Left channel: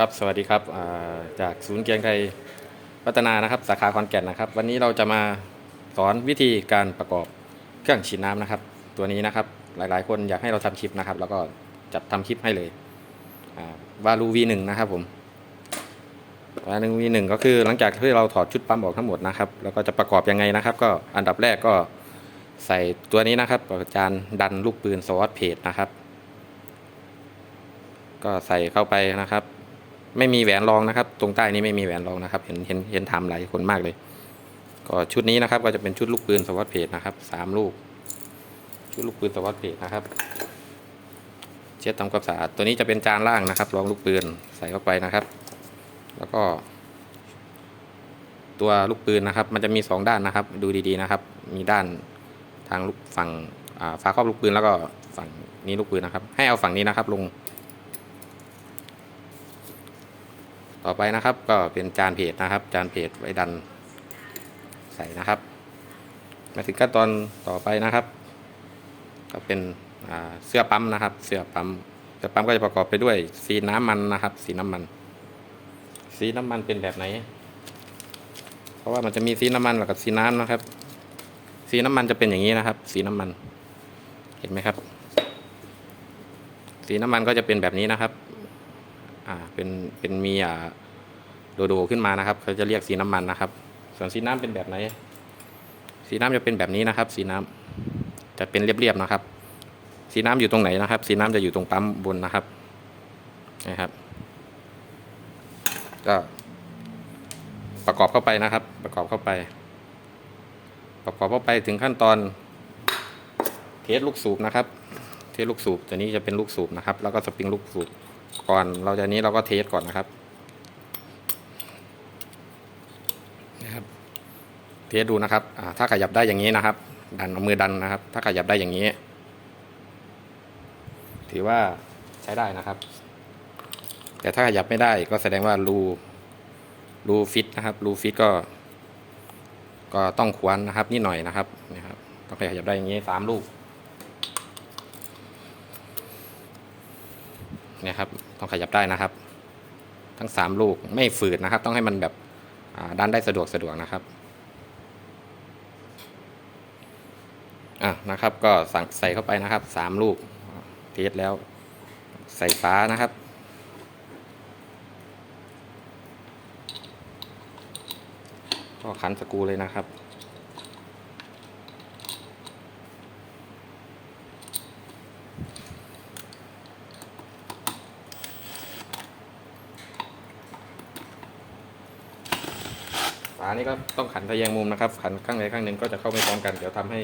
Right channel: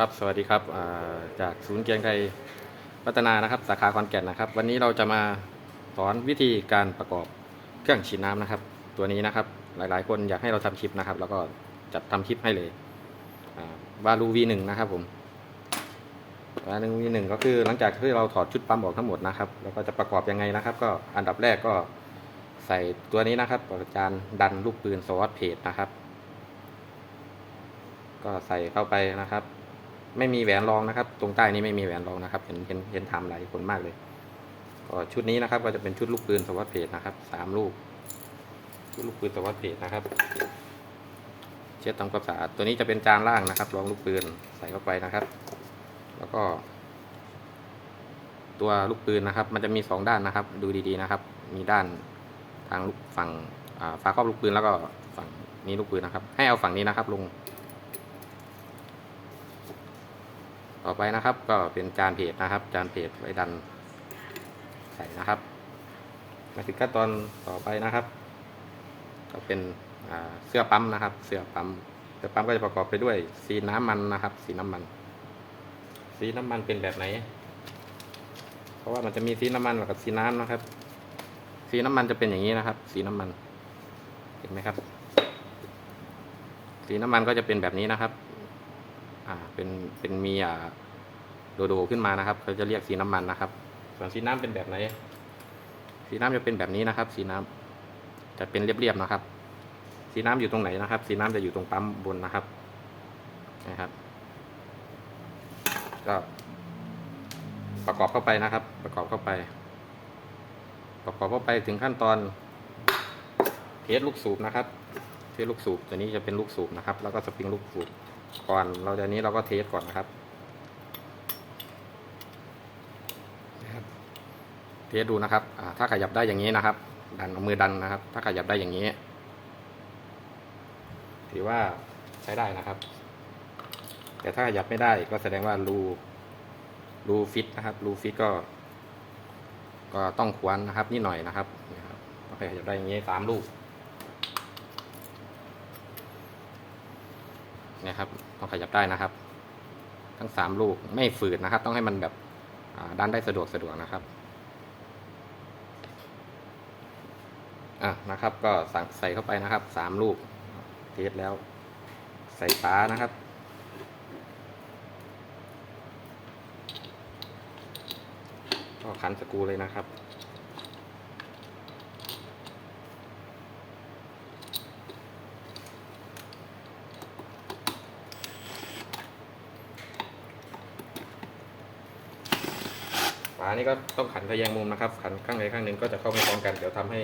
ครับสวัสดีครับจากศูนย์เกียงไทยพัฒนานะครับสาขาขอนแก่นนะครับ วันนี้เราจะมาสอนวิธีการประกอบเครื่องฉีดน้ำนะครับ ตัวนี้นะครับหลายๆ คนอยากให้เราทำคลิปนะครับ แล้วก็จัดทำคลิปให้เลยวาลู V1 นะครับผมวาลู V1 ก็คือหลังจากที่เราถอดชุดปั๊มออกทั้งหมดนะครับ แล้วก็จะประกอบยังไงนะครับ ก็อันดับแรกก็ใส่ตัวนี้นะครับจานดันลูกปืนสวอตเพจนะครับ ก็ใส่เข้าไปนะครับ ไม่มีแหวนรองนะครับ ตรงใต้นี้ไม่มีแหวนรองนะครับ เห็นเห็นเห็นทำหลายคนมากเลย ก็ชุดนี้นะครับก็จะเป็นชุดลูกปืนสวัสดเพจนะครับสามลูก ชุดลูกปืนสวัสดเพจนะครับ เช็ดทำความสะอาดตัวนี้จะเป็นจานล่างนะครับรองลูกปืนใส่เข้าไปนะครับ แล้วก็ ตัวลูกปืนนะครับ มันจะมีสองด้านนะครับ ดูดีๆนะครับ มีด้านทางลูกฝั่งฝาครอบลูกปืนแล้วก็ฝั่งนี้ลูกปืนนะครับ ให้เอาฝั่งนี้นะครับลง ต่อไปนะครับ ก็เป็นจานเพจนะครับ จานเพจไว้ดันใส่นะครับ มาถึงขั้นตอนต่อไปนะครับ ก็เป็นเสื้อปั๊มนะครับ เสื้อปั๊มเสื้อปั๊มก็จะประกอบไปด้วยสีน้ำมันนะครับ สีน้ำมัน สีน้ำมันเป็นแบบไหน เพราะว่ามันจะมีสีน้ำมันกับสีน้ำนะครับ สีน้ำมันจะเป็นอย่างนี้นะครับ สีน้ำมัน เห็นไหมครับ สีน้ำมันก็จะเป็นแบบนี้นะครับ อ่าเป็นเป็นมีอ่าโดโดขึ้นมานะครับเขาจะเรียกสีน้ำมันนะครับ ส่วนสีน้ำเป็นแบบไหน สีน้ำจะเป็นแบบนี้นะครับ สีน้ำจะเป็นเรียบๆนะครับ สีน้ำอยู่ตรงไหนนะครับ สีน้ำจะอยู่ตรงปั๊มบนนะครับนะครับก็ประกอบเข้าไปนะครับ ประกอบเข้าไป ประกอบเข้าไปถึงขั้นตอน เทสลูกสูบนะครับ เทสลูกสูบตัวนี้จะเป็นลูกสูบนะครับ แล้วก็สปริงลูกสูบ ก่อนเราจะนี้เราก็เทสก่อนนะครับนะครับ เทสดูนะครับถ้าขยับได้อย่างนี้นะครับ ดันเอามือดันนะครับ ถ้าขยับได้อย่างนี้ ถือว่าใช้ได้นะครับ แต่ถ้าขยับไม่ได้ก็แสดงว่ารูรูฟิตนะครับรูฟิตก็ ก็ต้องควรนะครับนิดหน่อยนะครับนะครับต้องขยับได้อย่างนี้สามลูก นี่ยครับ ต้องขยับได้นะครับ ทั้งสามลูกไม่ฝืดนะครับ ต้องให้มันแบบอ่าดันได้สะดวกสะดวกนะครับอะนะครับก็สั่งใส่เข้าไปนะครับสามลูกเทสแล้วใส่ฟ้านะครับก็ขันสกูเลยนะครับ นี่ก็ต้องขันทะแยงมุมนะครับ ขันข้างใดข้างหนึ่งก็จะเข้าไม่พร้อมกัน เดี๋ยวทำให้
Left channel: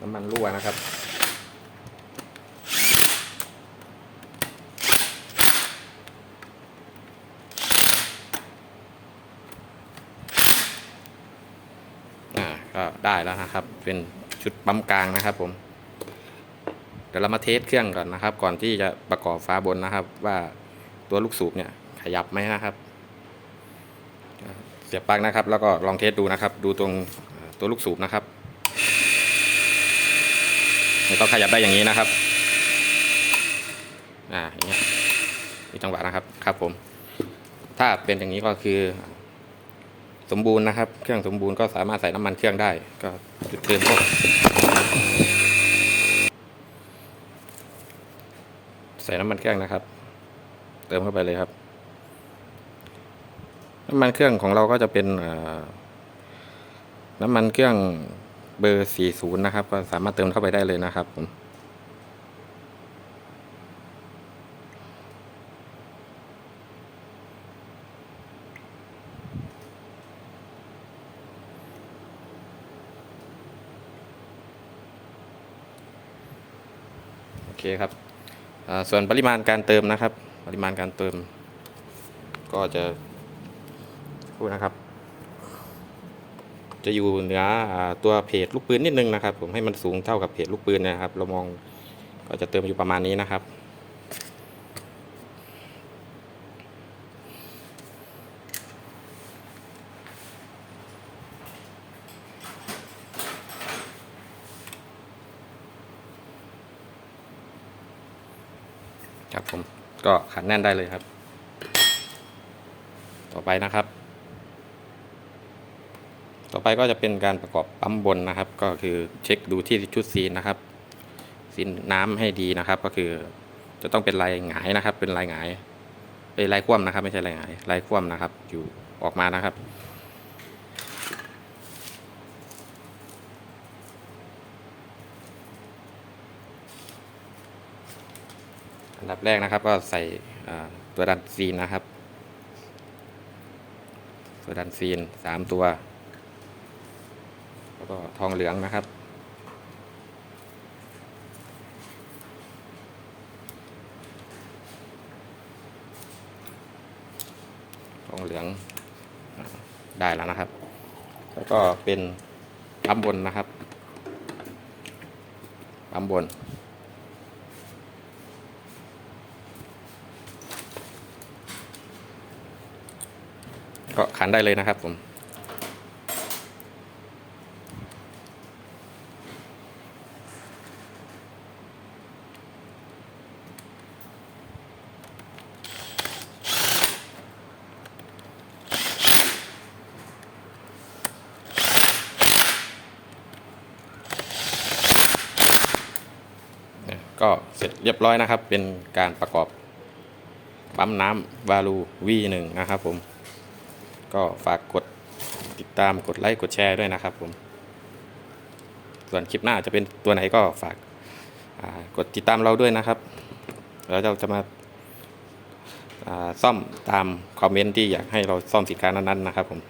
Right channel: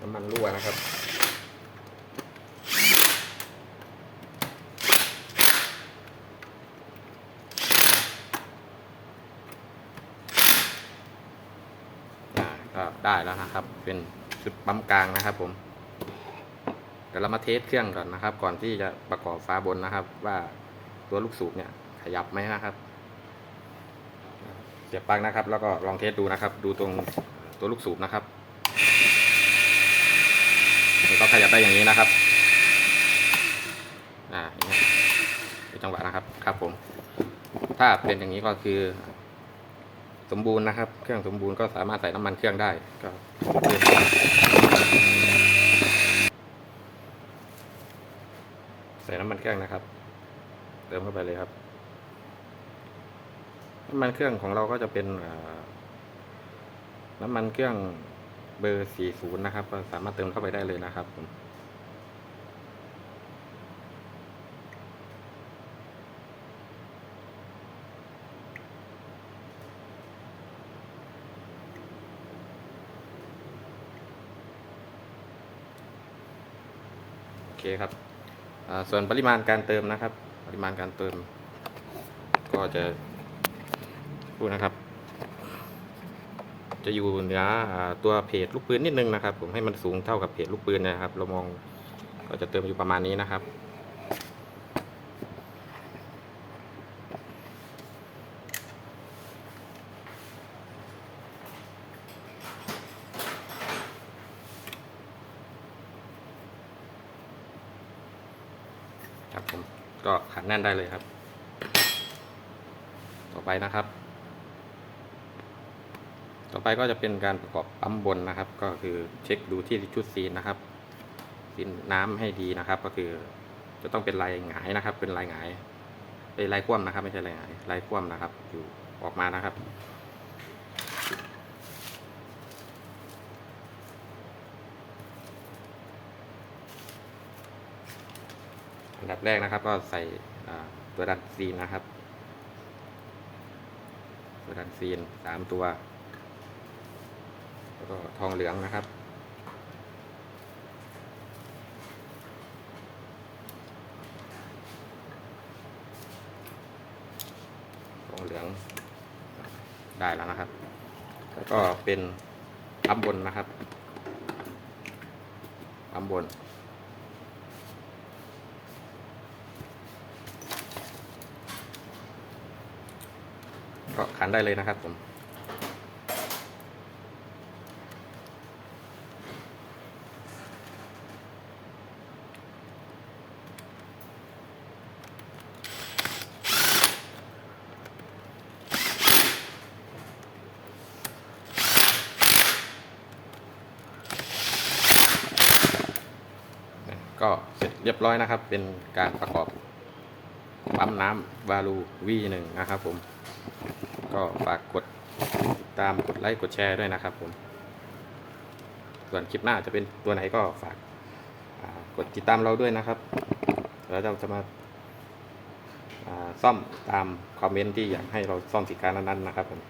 น้ำมันรั่วนะครับอ่าก็ได้แล้วนะครับ เป็นชุดปั๊มกลางนะครับผม เดี๋ยวเรามาเทสเครื่องก่อนนะครับ ก่อนที่จะประกอบฟ้าบนนะครับ ว่าตัวลูกสูบเนี่ยขยับไหมนะครับ เสียบปลั๊กนะครับ แล้วก็ลองเทสดูนะครับ ดูตรงตัวลูกสูบนะครับมันต้องขยับได้อย่างนี้นะครับ อ่าอย่างนี้มีจังหวะนะครับ ครับผม ถ้าเป็นอย่างนี้ก็คือ สมบูรณ์นะครับ เครื่องสมบูรณ์ก็สามารถใส่น้ำมันเครื่องได้ ก็เติมใส่น้ำมันเครื่องนะครับ เติมเข้าไปเลยครับ น้ำมันเครื่องของเราก็จะเป็นน้ำมันเครื่องเบอร์ 40 นะครับ ก็สามารถเติมเข้าไปได้เลยนะครับผมโอเคครับ ส่วนปริมาณการเติมนะครับ ปริมาณการเติม ก็จะ ดนะครับ จะอยู่เหนือตัวเพจลูกปืนนิดนึงนะครับ ผมให้มันสูงเท่ากับเพจลูกปืนนะครับ เรามองก็จะเติมอยู่ประมาณนี้นะครับครับผมก็ขันแน่นได้เลยครับ ต่อไปนะครับ ต่อไปก็จะเป็นการประกอบปั๊มบนนะครับ ก็คือเช็คดูที่ชุดซีนนะครับซีนน้ำให้ดีนะครับ ก็คือจะต้องเป็นลายหงายนะครับ เป็นลายหงายเป็นลายคว่ำนะครับ ไม่ใช่ลายหงายลายคว่ำนะครับ อยู่ออกมานะครับอันดับแรกนะครับก็ใส่ตัวดันซีนนะครับ ตัวดันซีนสามตัว แล้วก็ทองเหลืองนะครับ ทองเหลืองได้แล้วนะครับ แล้วก็เป็นปั๊มบนนะครับปั๊มบนก็ขันได้เลยนะครับผม ก็เสร็จเรียบร้อยนะครับ เป็นการประกอบปั๊มน้ำวาลู V1 นะครับผม ก็ฝากกดติดตามกดไลค์กดแชร์ด้วยนะครับผม ส่วนคลิปหน้าจะเป็นตัวไหนก็ฝากกดติดตามเราด้วยนะครับ แล้วเราจะมาาซ่อมตามคอมเมนต์ที่อยากให้เราซ่อมสินค้านั้นๆนะครับผม